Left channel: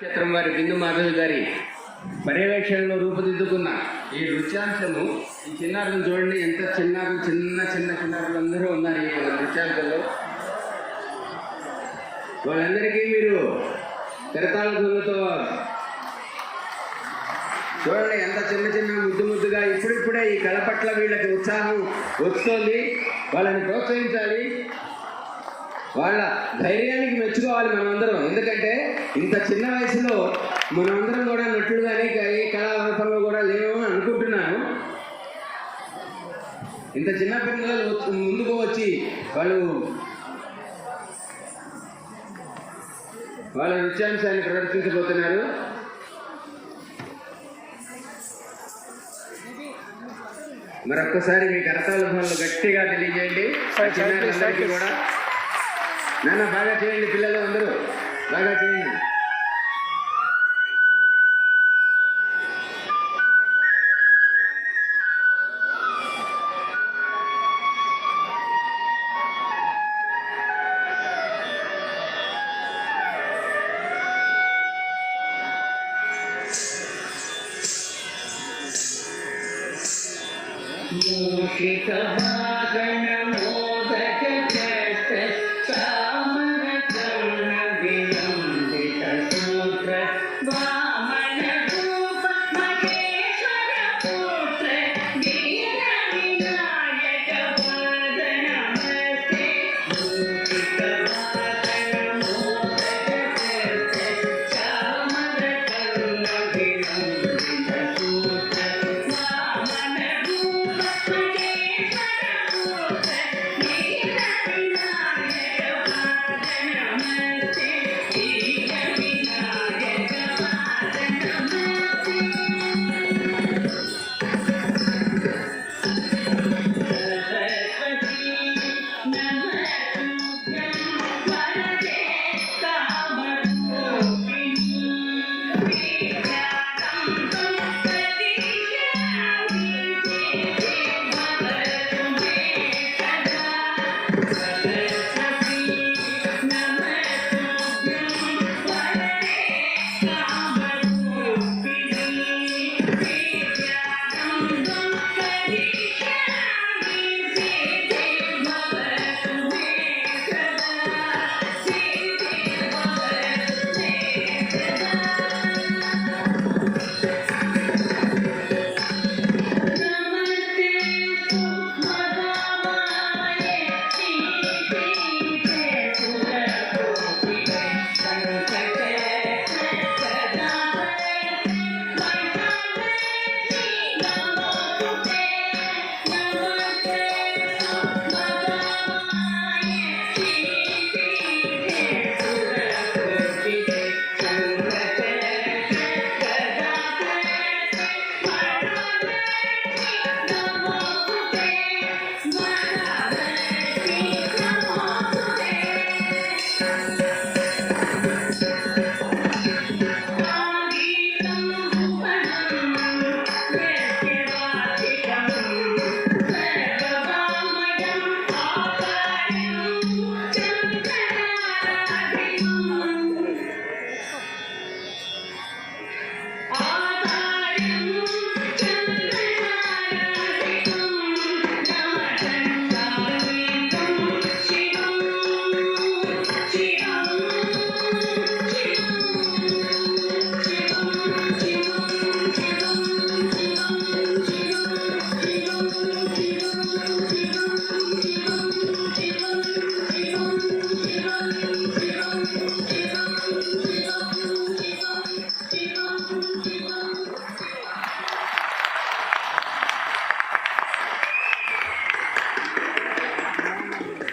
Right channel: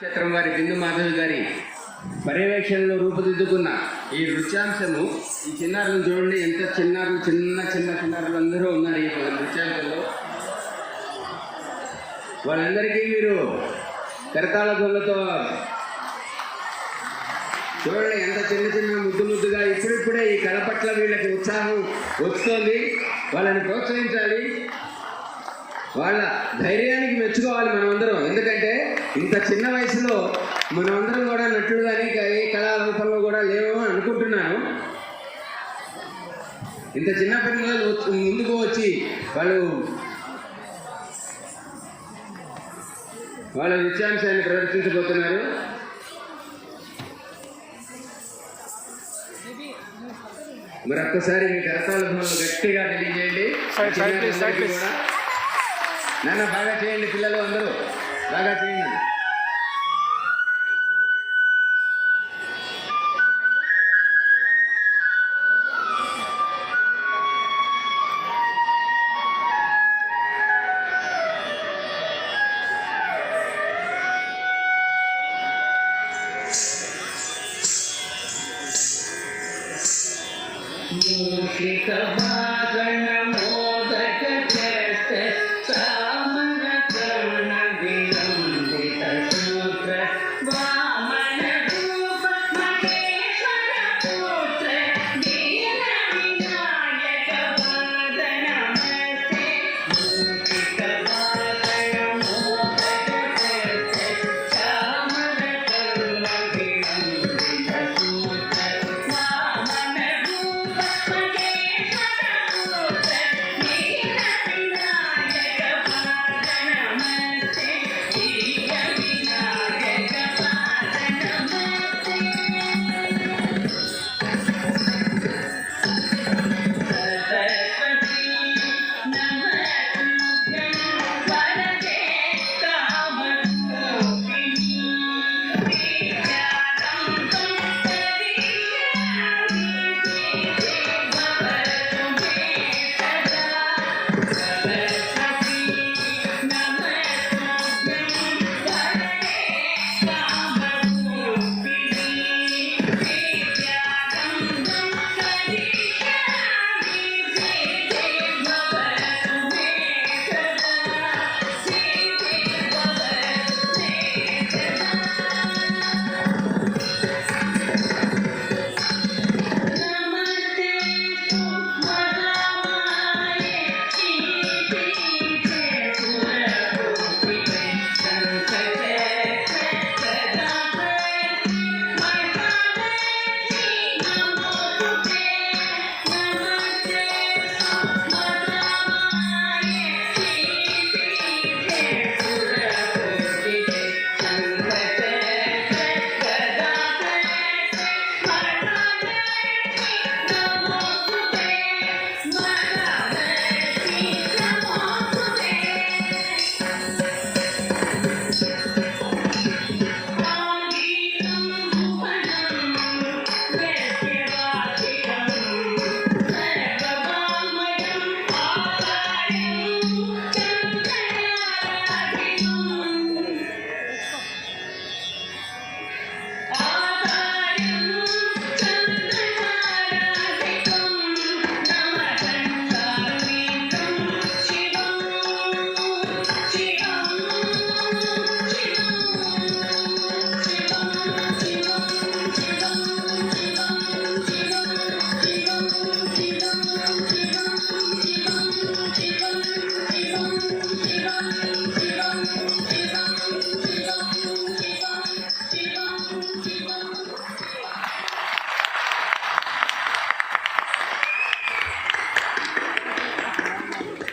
నక్షత్రం వారి బిందు మాధవి గారి పర్యవేక్షణలో రూపుదిద్దుకున్న ఈ నృత్యాంశము, ఈ చిన్నారులను చూడండి, ఎంత చిన్నారులు, చిన్నారులు అందరూ ఉన్నారు ఈ నృత్యాంశంలో. వాళ్ళందరికీ మీరు కరతాళ ధ్వనులతో చూడండి, ఎంత చిన్న ముద్దుగా ఇప్పుడిప్పుడే ఈ కళ పట్ల వీళ్ళకి ఉత్సాహం వస్తుంది. వాళ్ళని ప్రోత్సహించాలి, వాళ్ళ ధైర్యానికి మెచ్చుకోవాలి మనమందరం. ఎందుకంటే ఇంత చిన్న వయసులో మనమందరం కూడా నటులుగానే ఏ కళా రూపంలో కూడా లేవు అనుకుంటున్నాను. ఇంత చిన్న పిల్లలు ముందుకు వచ్చి వాళ్ళ నృత్యాంశాన్ని ప్రదర్శించబోతున్నారు. మరొక్కసారి మీ కరతాళ ధ్వనులు గట్టిగా తెలియజేయండి. కూడా నాన్న బాగా చేయండి, పిల్లలు అందరూ బాగా చేయండి. మూషిక వాగణ మోదక జగత